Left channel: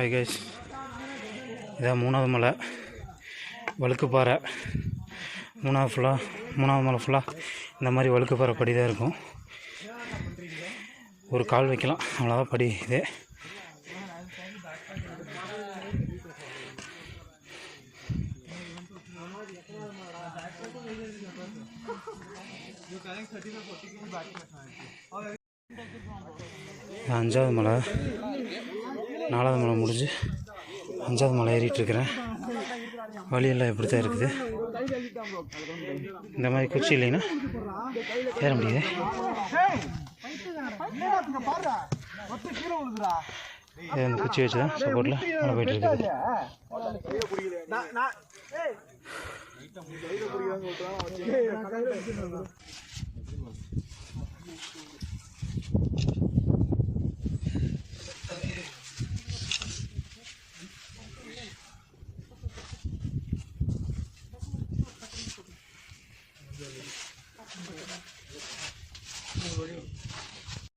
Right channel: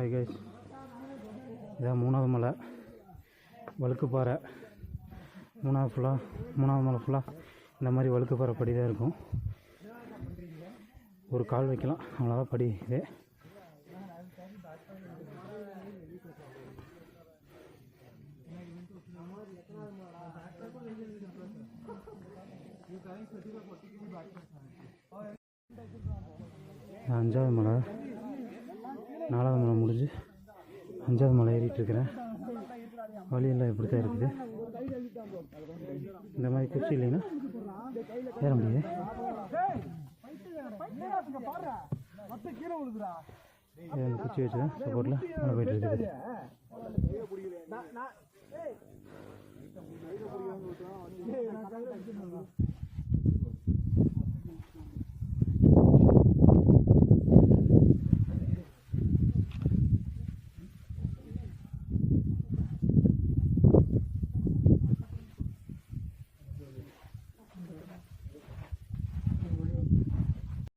Hi guys, இதான் 3வது மலை வழுக்குப்பாறை. 3வது மலை ஃபுல்லாக இந்த மாதிரி வழுக்குப்பாறை படி தான் இருக்கும். ஒரு கால் வைக்கலாம், அவ்வளோதான் படி இது. அஞ்சாவது மலை, 4வது மலை முடிஞ்சு 5வது மலை ஏறிட்டுருக்கிறேன். வழியெல்லாம் இப்படி தான் இருக்குது. இந்த மாதிரி குச்சி இல்லைன்னா ஏற முடியுது. இந்த குச்சி வச்சு தான் சப்போர்ட்டில் மழை போயிட்டு இருக்குது.